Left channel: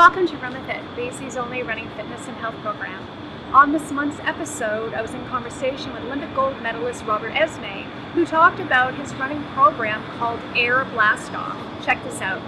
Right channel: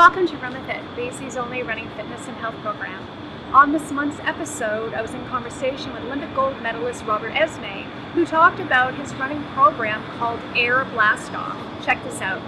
Welcome to Run With It, BC's only running fitness and health program. On this month's episode, I was in conversation with Olympic gold medalist Robert Esmie, who talked about his running program called Air Blastoff. Check this out.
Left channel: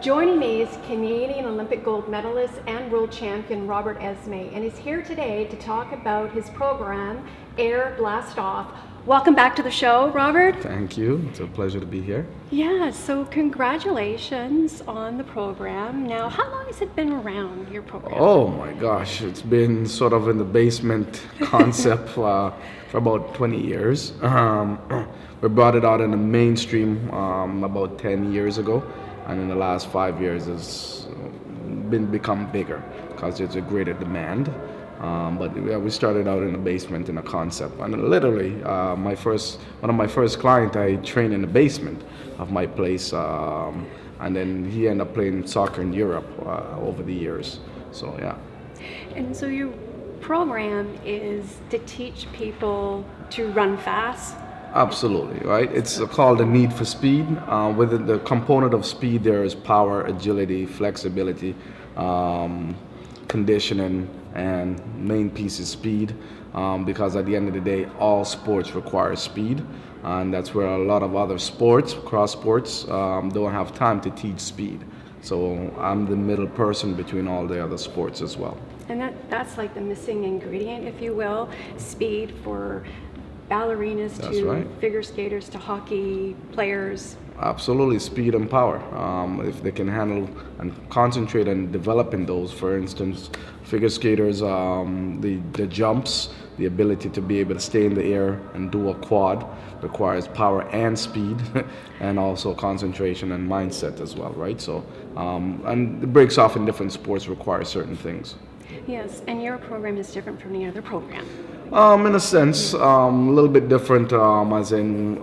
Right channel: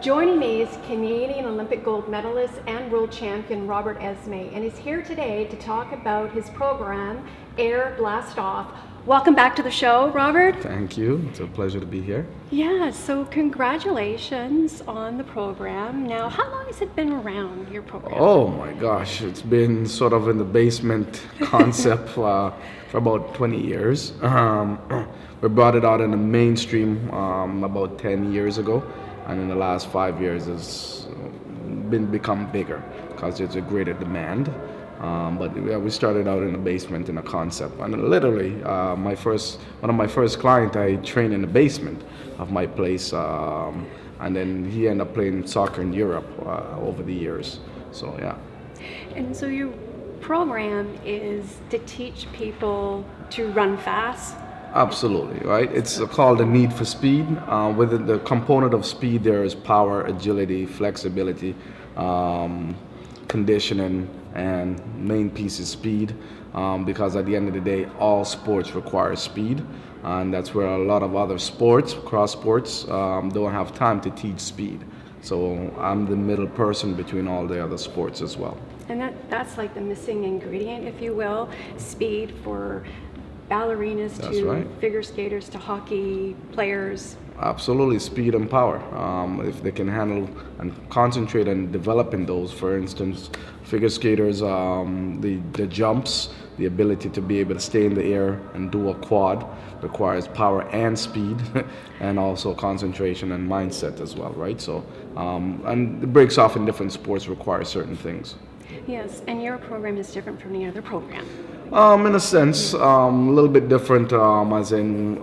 Joining me is Canadian Olympic Gold Medalist and World Champion Robert Esmie, and he's here today to talk about his program, Air Blastoff. Welcome back to the show, Robert. Thank you. It's a pleasure to be here. Yeah, so congratulations on the program. Now, how long has it been around, your program? Oh my gosh, it's been sort of in the basement concept for about 20 years. We brought it out in the mainstream about 10 years ago. And in the last 5 years, it's become bigger because there's a greater demand. But yeah, we started out in the basement in a concept, and literally, one of my first clients, I trained in the basement of my place, and then he ended up playing soccer in Europe over the years. So yeah. And so your program is to teach people to run fast. Absolutely, right? It's called the need for speed. Within the component of speed, there is power, agility, flexibility, conditioning, and main piece is speed. Because at the end of the day, all sports require speed, and that's where a lot of other sports, cross sports, don't have time to teach speed. So I'm the middle person between all the other sports as well. And that's like the missing ingredient, if you will, speed for ballerinas to figure skaters to hockey players. Absolutely, speed and power. If they can handle and concentrate on developing those, for instance, figure skaters, the jumps, the ability to be able to stay in the air and do a quad requires power and speed, and also concentration and mindset as well, right? So, and the breaks off in different sports require certain things. Yes, and your program is different from the other program. In a sense, a little bit different, as in,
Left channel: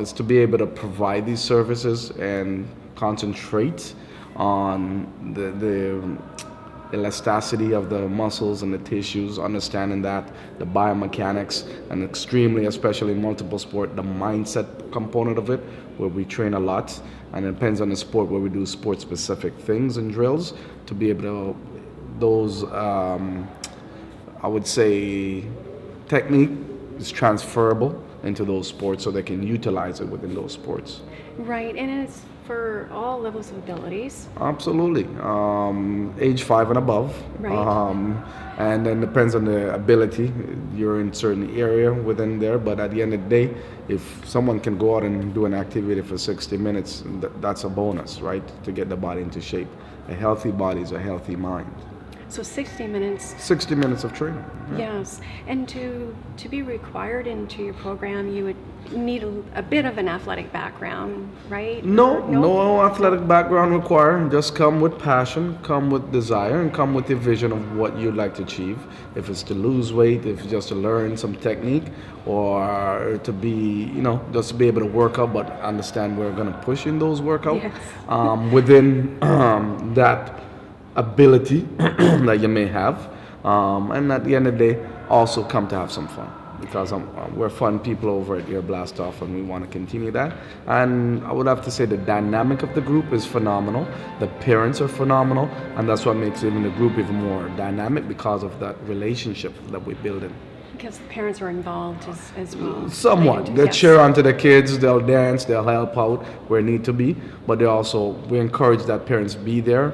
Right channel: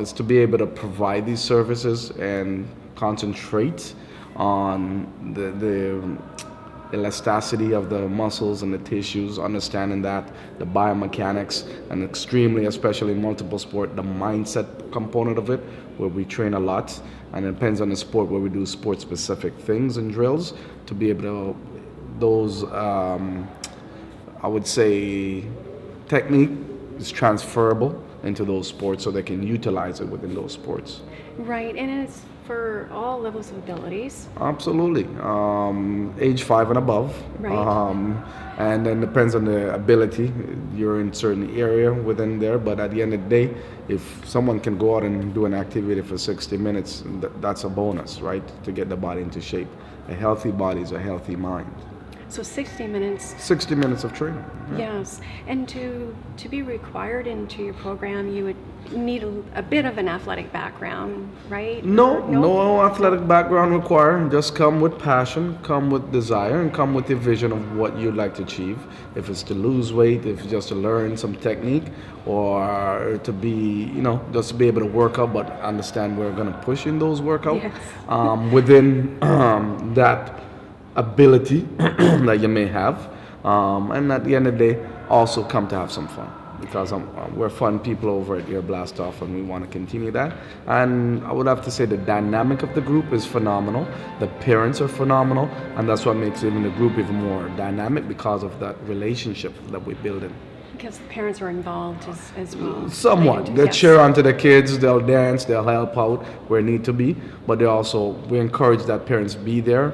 is to be able to provide these services and concentrate on the elasticity of the muscles and the tissues, understanding that, the biomechanics, and extremely, especially in multiple sport, the mindset component of it, where we train a lot, and it depends on the sport where we do sport-specific things and drills to be able to, those, I would say, technique is transferable into those sports so they can utilize it within those sports. Right, and it's for all levels of abilities. Absolutely. Age 5 and above. Right. And then depends on the ability. You're in certain area within there, but at the end of the day, if someone can go out and do an activity for 60 minutes, that's a bonus, right? To get the body into shape. A healthy body is a healthy mind. So 60 minutes. 60 minutes of training. Yeah. Yes, and to be required into your program, you would need a bit of an athletic background, right? No athletic background required. Just come with passion, come with desire, and come with the vision of what you'd like to achieve. If it's to lose weight, if it's just to learn some technique, or to be, just to be able to work out, but understand we're going to push in those workouts. Yes. Within that ability that you may have, and at the end of the day, also come to have some fun, because we're fun people over at Air Blastoff, and we want to continue that. And I would have to say the dynamic of the group is phenomenal. The parents are phenomenal, and that's what makes even the group even more dynamic, because of that relationship that we build in. Because the parents are involved as well. Somewhat. They cheer onto the kids, they'll dance, they'll help out where need to be, but we encourage that parents be there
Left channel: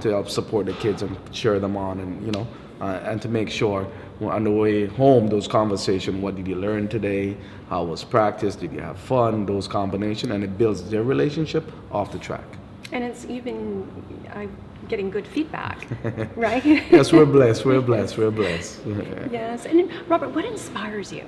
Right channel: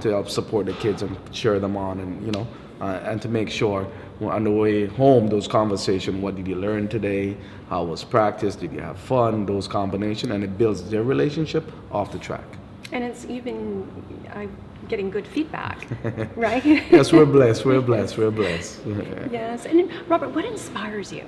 to help support the kids and cheer them on, and and to make sure on the way home, those conversations, what did you learn today, how was practice, did you have fun, those combinations, and it builds their relationship off the track. And it's even getting good feedback, right? Yes, we're blessed. Yes, and Robert, what inspires you?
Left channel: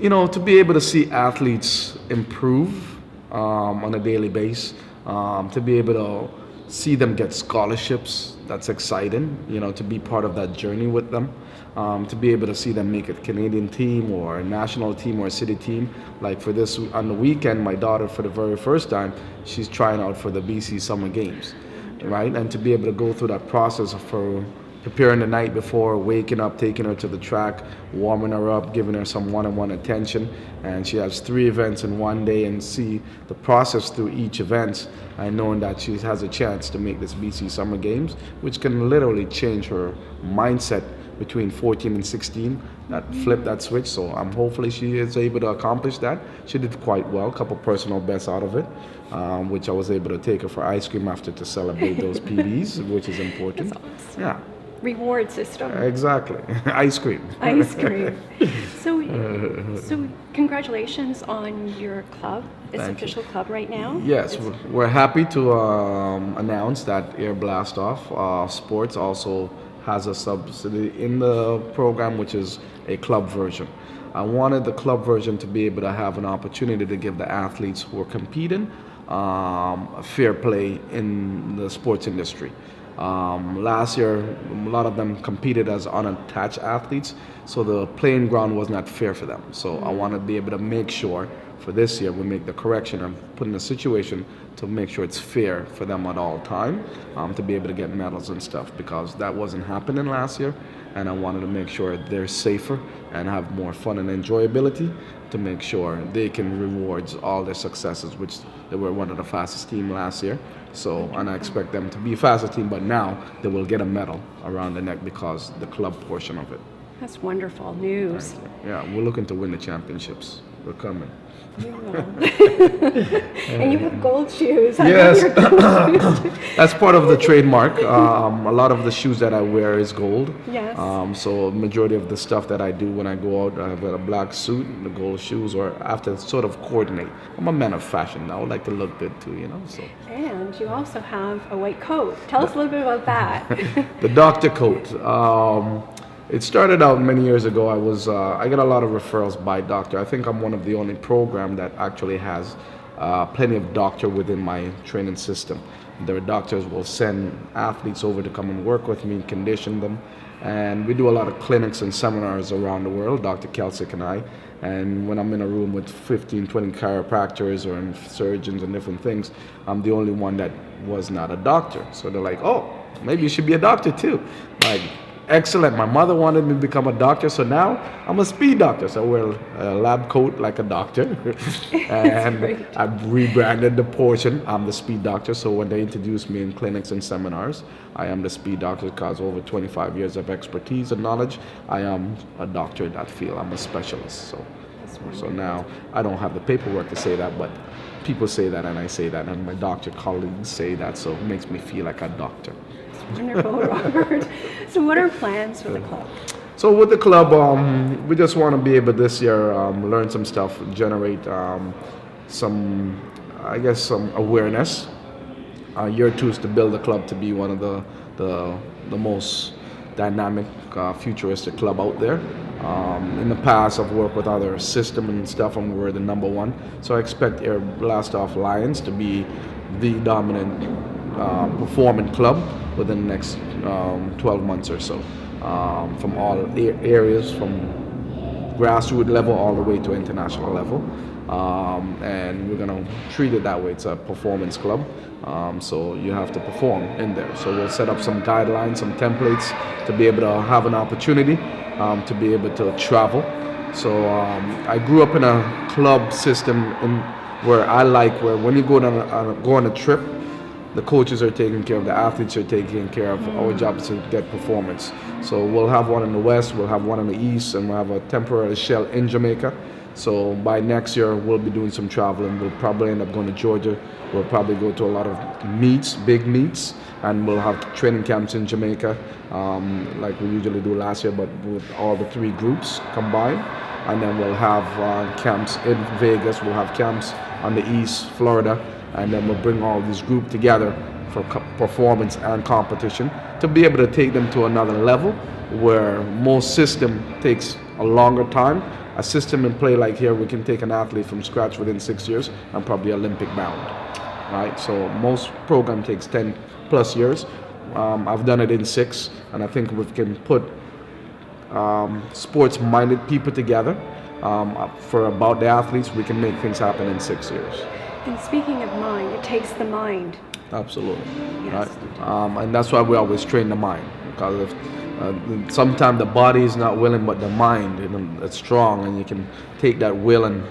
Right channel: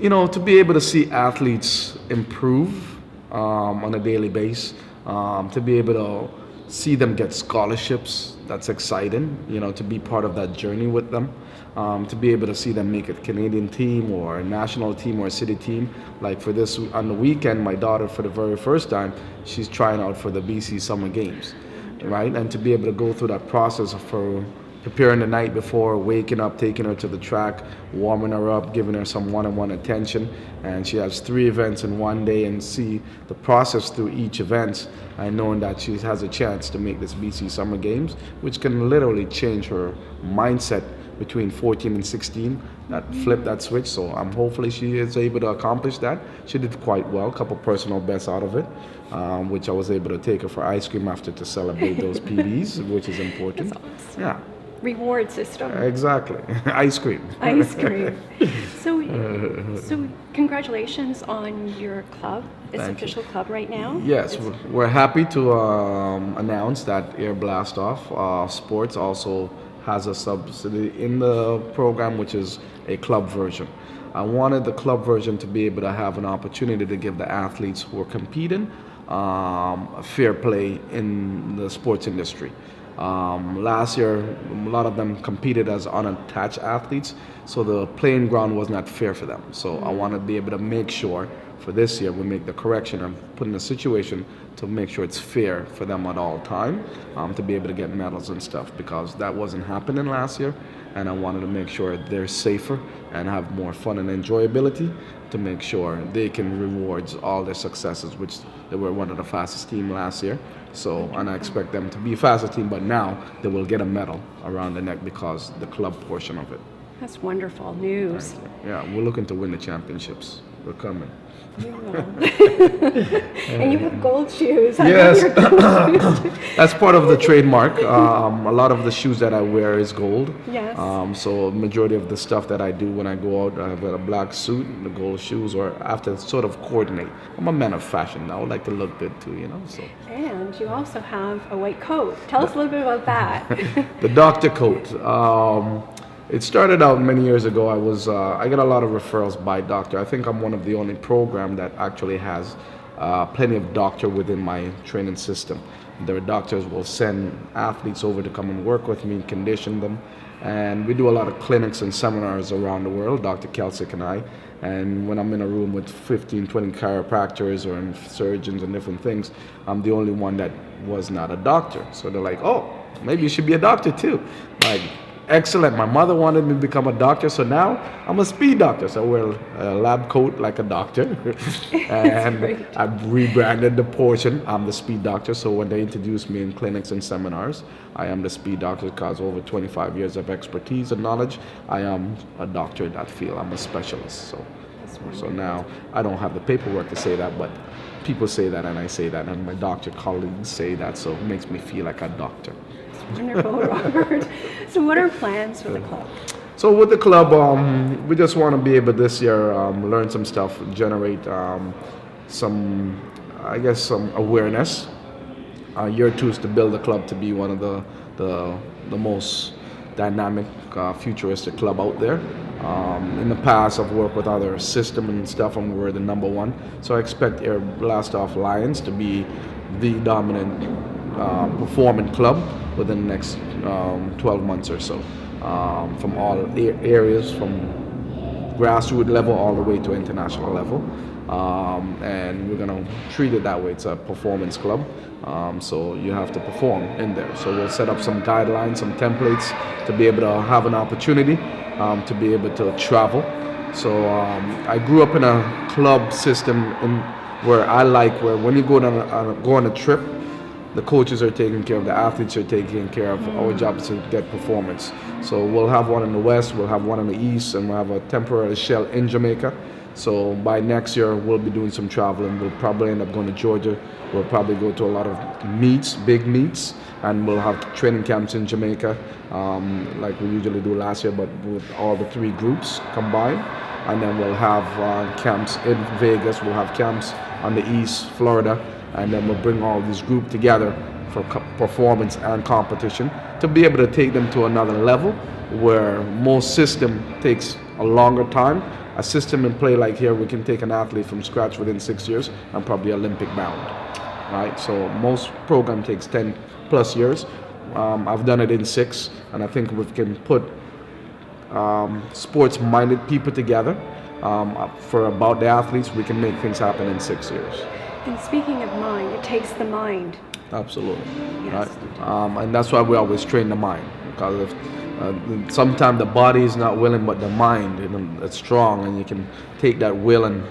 To be able to see athletes improve on a daily basis, to be able to see them get scholarships. That's exciting, to be part of that journey with them. To be able to see them make a Canadian team or a national team or a city team. Like for this, on the weekend, my daughter, for the very first time, she's trying out for the BC Summer Games, right? And to be able to go through that process of her preparing the night before, waking up, taking her to the track, warming her up, giving her some one-on-one attention, and she has 3 events in one day, and see the process through each event, and knowing that she has a chance to make this BC Summer Games, which can literally change her mindset between 14 and 16, that flip that switch. So hopefully she is able to accomplish that. She did quite well, a couple personal bests out of it, which I was able to take her for ice cream after to celebrate those PBs, which is important. That's awesome. Yeah. Reward system. Exactly. Ice cream. Ice cream. So congratulations on your club. It's Thank official club right now. Yes, we're happy to announce that Air Blastoff Sports also has a subsidy in the program, which is a club version. I wanted the club version to be able to have an opportunity to give the athletes who are competing a fair play in the sports industry. Last year, a lot of them competed as unattached athletes, so the playing ground was not fair for them. So I want to be able to make sure for this year we make the correction and put in a situation to make sure it's fair for them at all time, to be able to get medals and stuff, because that wasn't happening last year, and I wanted to make sure they're safer and have more fun and enjoyability, to make sure they can reward all their successes, which they were one of the fastest team last year. So, and I expect them to be fastest team, but now they will get a medal around the neck because the club portion of it. That's wonderful news. Yeah, we're looking to win the championships. We're coming. You will. And you have gold shoes. I Yes. love your gold shoes. That's part of the trademark. A lot of the shoes that I wear is gold. Yes. So majority of the stuff that I do when I go out, I have a black suit, the gold shoes, or I have to sort of coordinate. I'm a man of fashion. I would like to look good too, So. And you also have a white coat. Tell us a little bit about that. The doctor coat. It started out many years ago. I get a lot of referrals by doctor. I think I'm one of the only program that actually has plenty of doctor within my training system. The doctors will send athletes over to come and work with me, condition them, and we do a lot of clinics and seminars around the world, Dr. Kelsick and I. And when I'm in a room with 15, 20 chiropractors or surgeons and different things, I'm the only one that was not a doctor. So they're like, oh, maybe you should be a doctor too. Like, excellent. My mother wanted me to become a doctor, so now I'm a speed doctor. So I wear a lab coat like a doctor. And I've rebranded the portion. I'm the speed doctor. So when they introduce me in clinics and seminars, I am the speed doctor because over 25 years of expertise and knowledge, I am a doctor in that field. I'm a specialist. So now I don't have the paperwork to say that, but people say that and I say that, and my doctor colleagues say that, so it makes me feel like a doctor. Wonderful, Robert. So what are plans for the club? So with the club, we just want to be able this year learn some stuff, generate some awareness. Year 2 is to build the club to be one of the most dynamic, futuristic club out there. In the past, I've worked with other systems and stuff, and we're the number 1. So I expect Air Blastoff Lions to be the dominant performing club within the next 12 months or so, from all areas, from grassroots level all the way to international level, and we're going to treat it that way. It's a performance club, so you have to perform in there. So we'll set up some guidelines, some templates to be able to have an opportunity to be able to travel. So I grew up in a club system where when you go on a trip, the coaches are taking care of, the athletes are taking care of. Our job is to get performance. So we'll have one in the West, we'll have one in the East, and we'll have a temporary shell in Jamaica. So by next year, we'll be doing some traveling. We'll probably end up going to Georgia. We'll probably go to a lot of meets, big meets, and we'll have training camps in Jamaica, like we usually do last year, but with all the 3 groups combined. And then we'll have camps in Vegas, we'll have camps on the East, Florida, and then we'll bring all these groups together for performance and competition to be able to take them to another level where most system takes a longer time. A system in play like here, we can take an athlete from scratch within 6 years and probably Olympic bound, right? So most program takes 10 plus years. I've done it in 6, and I think we can put sports-minded people together for about the athletes. We can make things happen in 6 years. And speaking of mind, it takes the mind. Absolutely. Yes. Right? And that's why we always train the mind, because if sometimes the body is not willing, but the mind is strong, and you can take that will and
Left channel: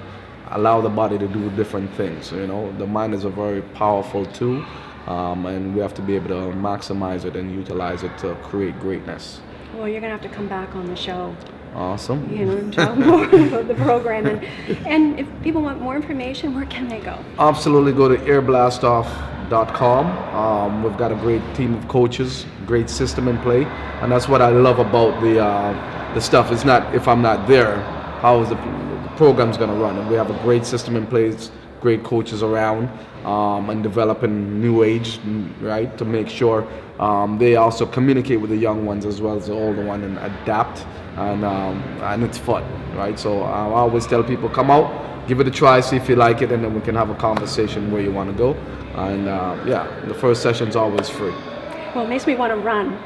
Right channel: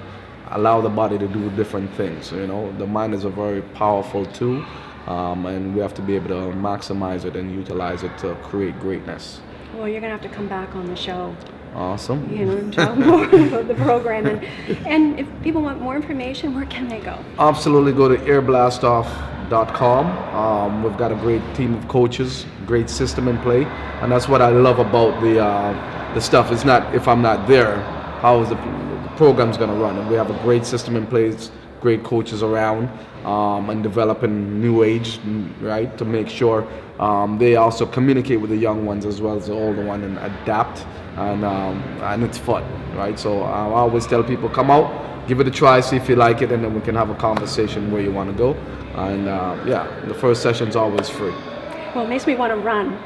allow the body to do different things. The mind is a very powerful tool, and we have to be able to maximize it and utilize it to create greatness. Well, you're going to have to come back on the show. Awesome. And tell more about the program. And if people want more information, where can they go? Absolutely, go to airblastoff.com. We've got a great team of coaches, great system in play, and that's what I love about the stuff. It's not if I'm not there, how is the program's going to run? And we have a great system in place, great coaches around, and developing new age, right, to make sure they also communicate with the young ones as well as the older one and adapt, and it's fun, right? So I always tell people, come out, give it a try, see if you like it, and then we can have a conversation where you want to go. And the first session's always free. Well, it makes me want to run.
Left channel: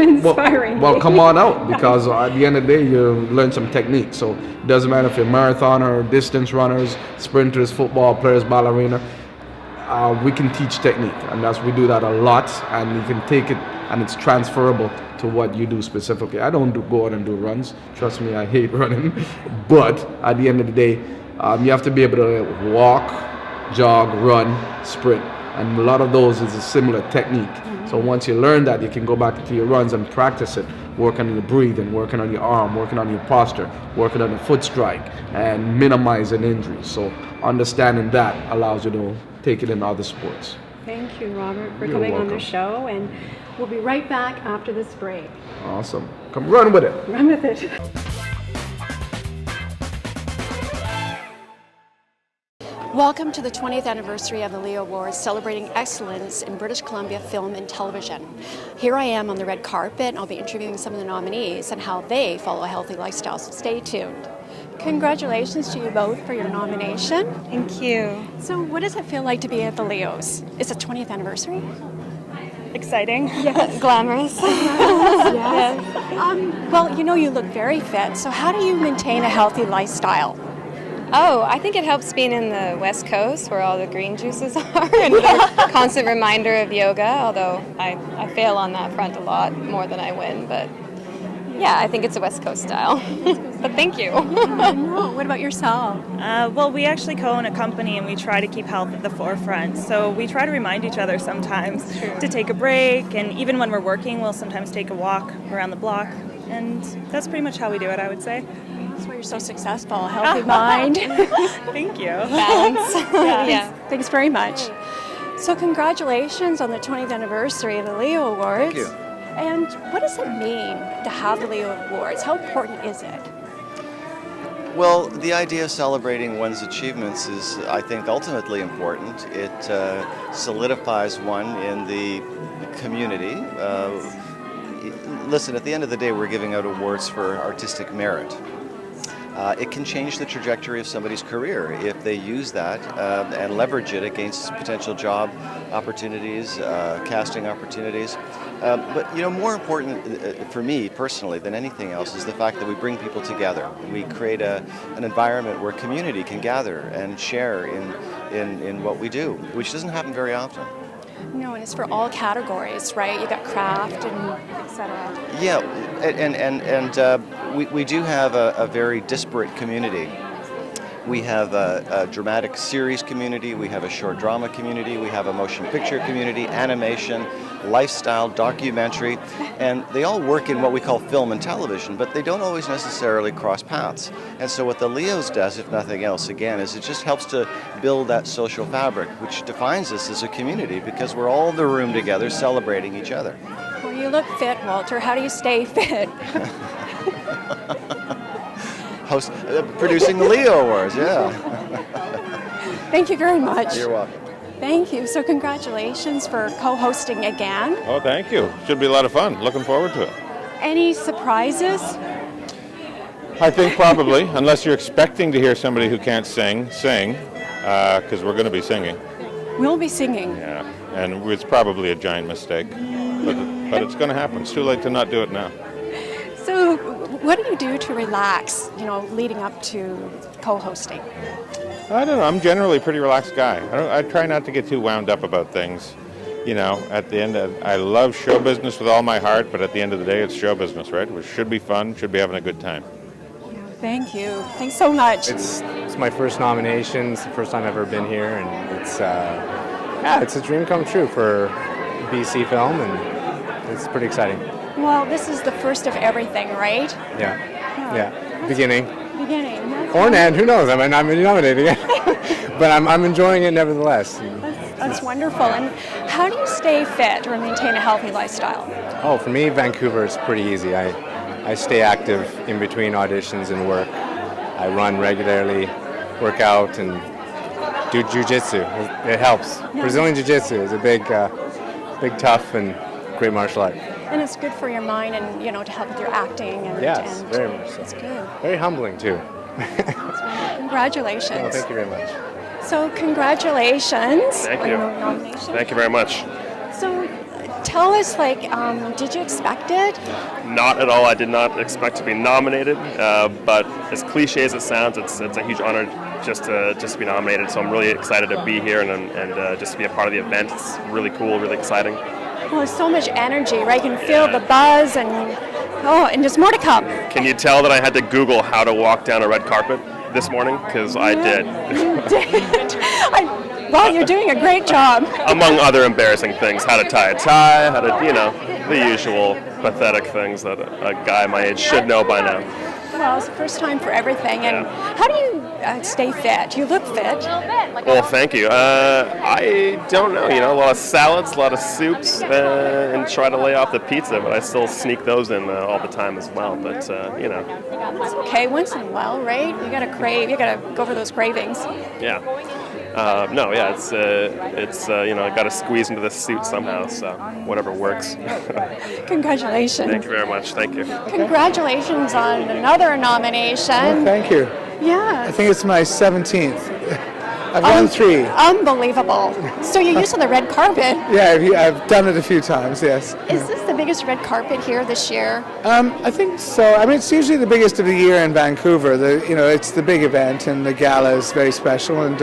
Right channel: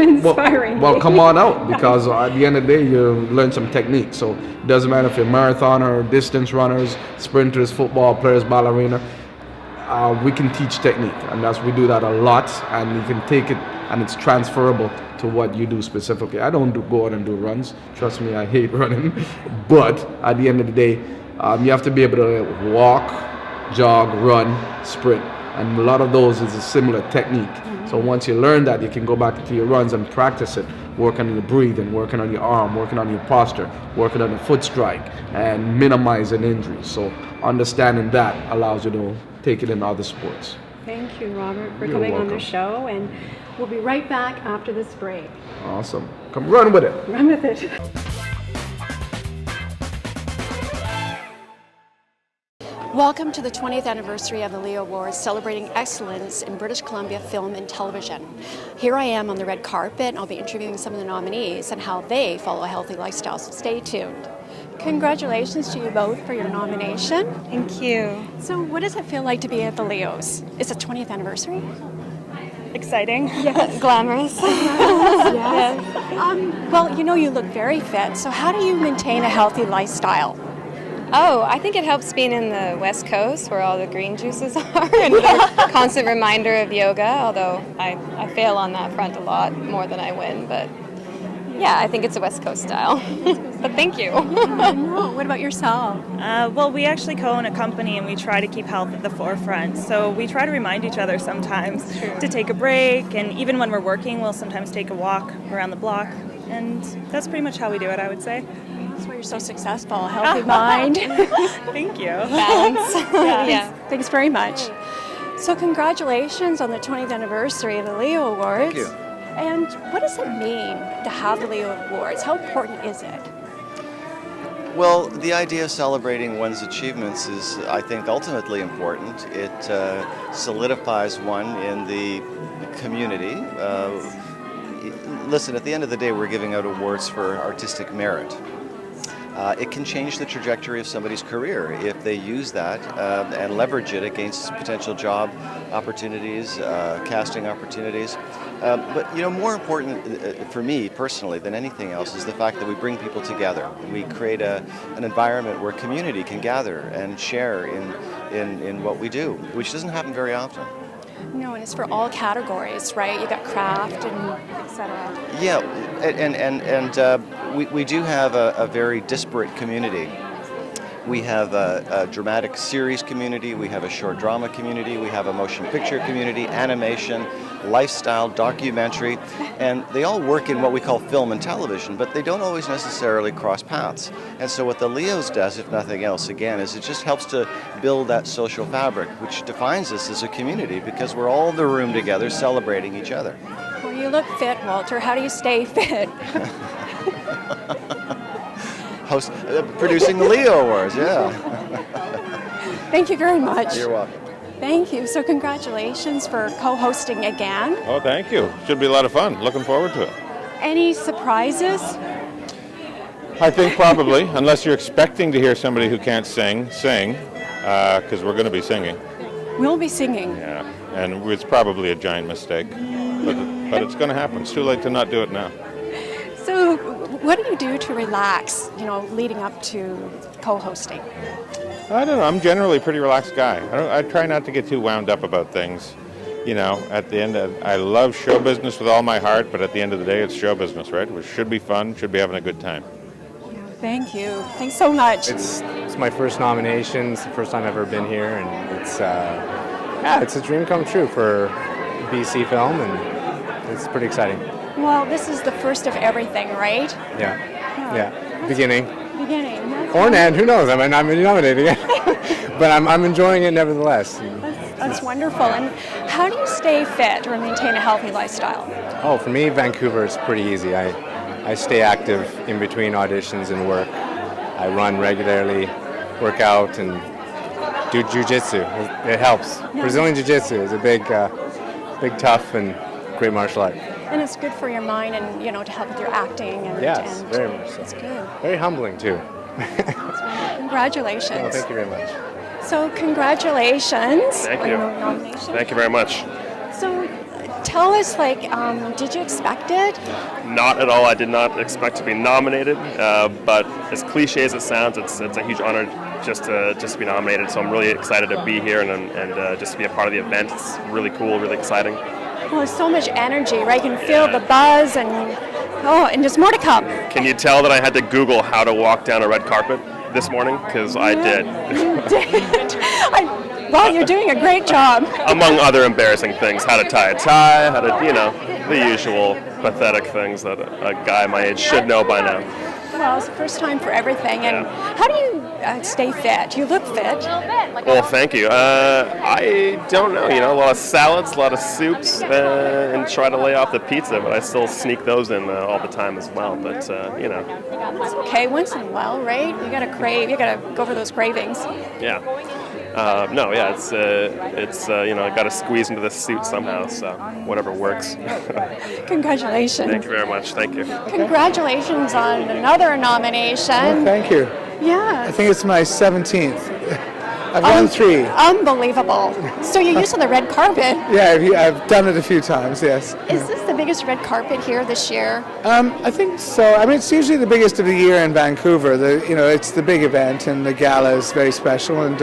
Inspiring. Well, come on out, because at the end of the day, you learn some technique. So it doesn't matter if you're marathoner, distance runners, sprinters, football players, ballerina. We can teach technique, and we do that a lot, and you can take it, and it's transferable to what you do specifically. I don't go out and do runs. Trust me, I hate running. But at the end of the day, you have to be able to walk, jog, run, sprint. And a lot of those is a similar technique. Mm-hmm. So once you learn that, you can go back into your runs and practice it, working on your breathing, working on your arm, working on your posture, working on the foot strike, and minimizing injuries. So understanding that allows you to take it in other sports. Thank you, Robert, for You're coming welcome. on the show, and we'll be right back after this break. Awesome. Come run with it. Run with it. Welcome to the 20th anniversary of the Leo Awards, celebrating excellence in British Columbia film and television. Here I am on the red carpet, and I'll be interviewing some of the nominees and how they follow a healthy lifestyle, so stay tuned. Congratulations to you both for your nomination. Thank you. So what does it feel like to be at the Leos? It's the 20th anniversary? Exciting. Yes. Glamorous. Yes. Well, you look very fit, so how do you maintain a healthy lifestyle? Oh, I think it helps being in the West Coast where all the green juices are, and a constant reminder of yoga, although I fail on that front a lot more than I win, but yeah, I think it's a West Coast style. But thank you. No. What about yourself? Well, we actually co-own a company, and we try to keep health at the forefront. So we try to remind each other sometimes to take a break, and even when we're working, we'll sometimes take a walk around the block. And that's pretty much how we do it, I would say. That's why you're so successful, a healthy mind. Thank you. Balance. Yeah. Thanks very much. So congratulations on the 20th anniversary of the Leo Awards. Thank you. And what does it mean to have the Leo Awards? How important is it? Well, the idea of celebrating one's achievements is, I think, ultimately important. It solidifies one in the community. Listen, at the end of the day, we're giving out awards for artistic merit. It can change the trajectory of somebody's career if they use that and leverage it against potential job opportunities, casting opportunities. But more important for me personally than anything else is the fact that we bring people together. We create an environment where community can gather and share in what we do, which doesn't happen very often. No, and it's for all categories, right? You got craft and etc. Yeah, and we do have a very disparate community. We have a dramatic series community, we have a short drama community, we have a motion picture community, animation, lifestyle, documentary, and they all work in what we call film and television, but they don't always necessarily cross paths. And so what the Leos does, if nothing else, again, is it just helps to build that social fabric, which defines us as a community, because we're all in the room together celebrating each other. Well, you look fit, Walter. How do you stay fit? Producing the Leo Awards, yeah. Thank you very much. You're welcome. Thank you. So congratulations for co-hosting again. Oh, thank you. Should be a lot of fun. Looking forward to it. Any surprises? I think probably, unless you're expecting to hear somebody who can't sing, because we're going to be singing. We'll be singing. Yeah. and it's probably a giant mistake. But it's going to happen. It's too late to not do it now. So, what do you do to relax, leading up to co-hosting? I don't know. I'm generally a pretty relaxed guy. I try not to get too wound up about things. At the end, I love show business with all my heart, but at the end of the day, it's show business, right? It should be fun, should be having a good time. Thank you. Thanks so much. It's my first nomination. It's the first time I've ever been here, and it's a dream come true for BC Film, and it's pretty exciting. Well, this is the first of everything, right? Yeah. Beginning. That's Or an end, who knows? I might not be nominating it. But I'm enjoying it nevertheless. That's wonderful. And how do you stay fit or maintain a healthy lifestyle? Oh, for me, Vancouver is pretty easy. I stay active in between auditions and work. I run regularly, work out, and do jiu-jitsu. It helps. Yeah. Brazilian jiu-jitsu is a big, tough, and great martial art. And it's good for your mind and, to help with your acting. Yes, very much so. It's good. Very humbling, too. Congratulations. Oh, thank you very much. So congratulations Thank on you. your nomination. Thank you very much. So tell us, did you expect it? Not at all. I did not expect to be nominated, but as cliche as it sounds, it's a huge honor just to be nominated. So I'm really excited to be here and just to be a part of the event. It's really cool, really exciting. Well, there's so much energy, right? You can feel the buzz and there's more to come. Can you tell that I had to Google how to walk down a red carpet this morning? Because I did. You did. Well, you're doing a great job. Among other embarrassing things, how to tie a tie, how to, the usual pathetic things that a guy my age should know by now. Well, it's the first time for everything. And how do you stay fit? You look fit. Well, thank you. I don't know. A lot of salads, a lot of soups, and try to lay off the pizza, but I still sneak those in all the time as well. But, It's okay once in a while, right? You gotta go for those cravings. Yeah. It's I got to squeeze into this suit somehow, so whatever works. Congratulations. Thank you very much. Thank you. Congratulations on another nomination. Oh, thank you. Yeah. I think it's my 17th. I've done 3. Unbelievable. So you're used to the red carpet. Yeah, I've done it a few times, yes. Is this the biggest red carpet here this year? I think so. I mean, it's usually the biggest of the year in Vancouver. It's the big event, and the gala is very special. And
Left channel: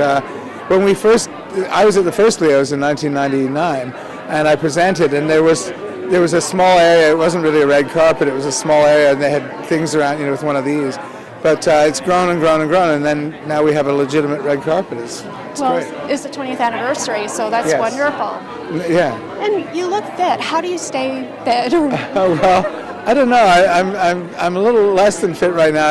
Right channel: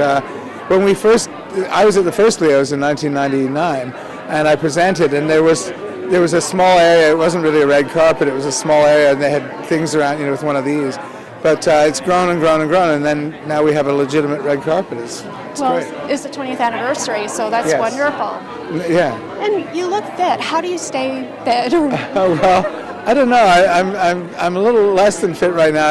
when I was at the first Leos in 1999, and I presented, and there was a small area. It wasn't really a red carpet. It was a small area, and they had things around, with one of these. But it's grown and grown and grown, and then now we have a legitimate red carpet. It's great. It's the 20th anniversary, so that's Yes. wonderful. Yeah. And you look fit. How do you stay fit? Oh well, I don't know. I'm a little less than fit right now.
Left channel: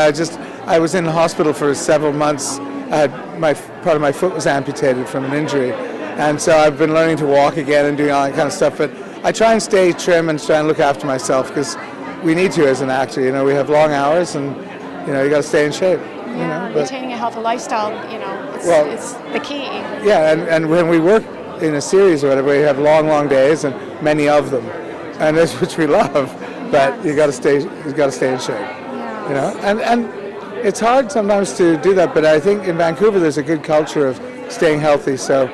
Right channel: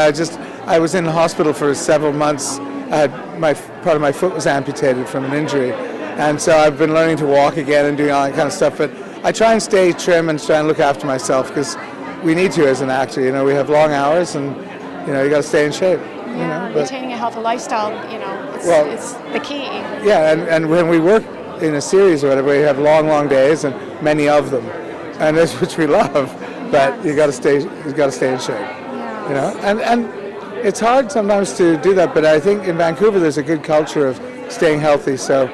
I was in the hospital for several months. Part of my foot was amputated from an injury, and so I've been learning to walk again and doing all that kind of stuff. But I try and stay trim and try and look after myself because we need to as an actor. We have long hours and. You got to stay in shape. Maintaining a healthy lifestyle, it's the key. Yeah, and when we work in a series or whatever, we have long days and many of them, and that's which we love. But you got to stay in shape. Yeah. And it's hard sometimes to do that. But I think in Vancouver there's a good culture of staying healthy, so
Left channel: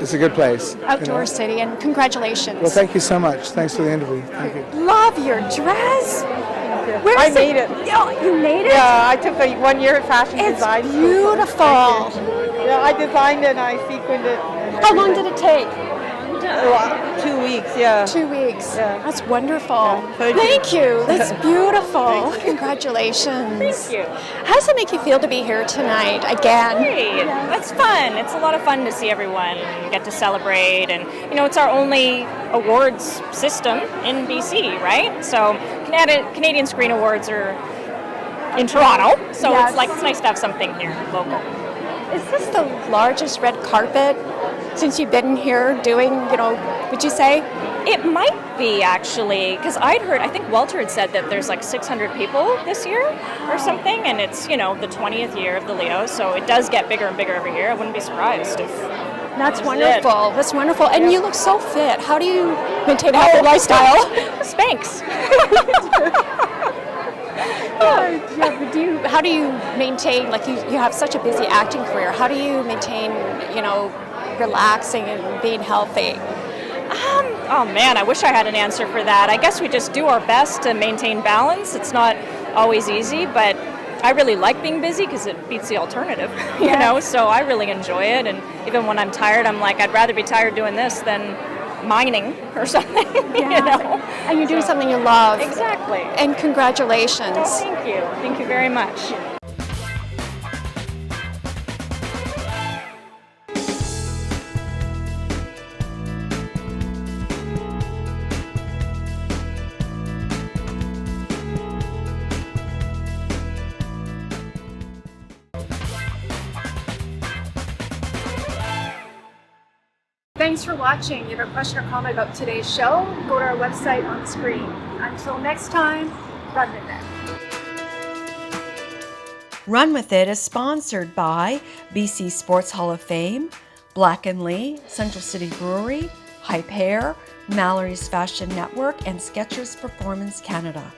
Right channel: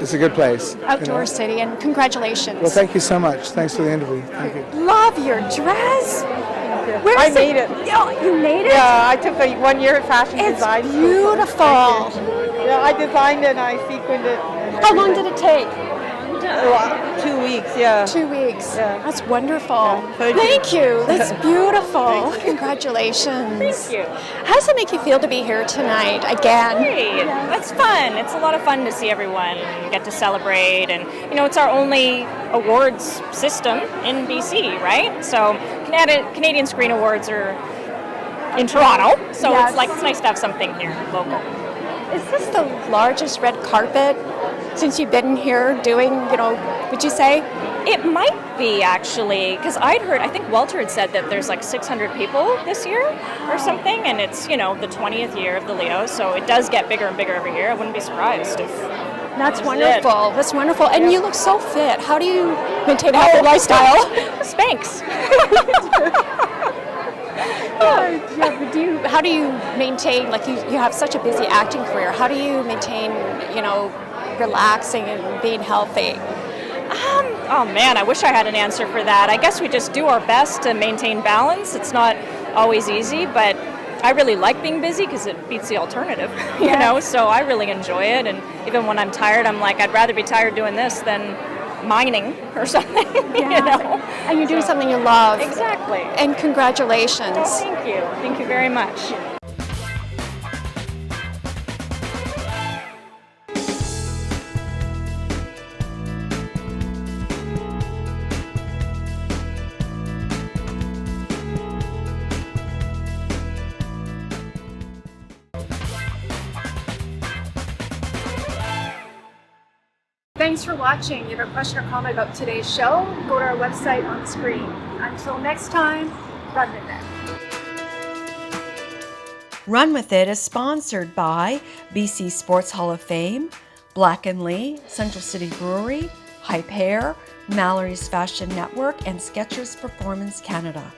it's a good place. Outdoor city, and congratulations. Well, thank you so much. Thanks for the interview. Thank you. Love your dress. I made it. You made it? Yeah, I took a 1 year fashion It's design. beautiful. Yeah, I designed it and I sequined it. How long did it take? 2 weeks, yeah. 2 weeks. Yeah. That's wonderful. Yeah, Thank you. That's beautiful. Congratulations. Thank you. How does it make you feel to be here tonight again? Great. That's fun. It's a lot of fun to see everyone get to celebrate, and it's our only awards system in BC, right? So Canadian Screen Awards are in Toronto, so Yes. it's nice to have something here local. Is this the largest red carpet since you've been here doing, would you say? It might be, actually, because I think Walter had said that there's like 600 people this year or something, and it's, the 20th year of the Leos, so it does get bigger and bigger every year. I wouldn't be surprised if That's this is wonderful. That's wonderful. And you look so fit. How do you maintain a healthy lifestyle? Spanx. But how do you maintain, you have such a busy acting career, how do you maintain, relaxing and being healthy? Oh man, I wish I had an answer for that. I guess we just do our best to maintain balance. It's not always easy, but I really like being busy because it beats the alternative, you know, so I really enjoy it. And even when I'm tired, I'm like, I'd rather be tired doing this than mining or something, you know. And you're doing something you love. Exactly. And congratulations. Oh, thank you. Thank you very much. Thanks for watching. If you have a question or comment about today's show, go to our website on the screen. Until next time, run with it. Run With It is sponsored by BC Sports Hall of Fame, Black & Lee, Central City Brewery, Hype Hair, Malary's Fashion Network, and Skechers Performance Canada.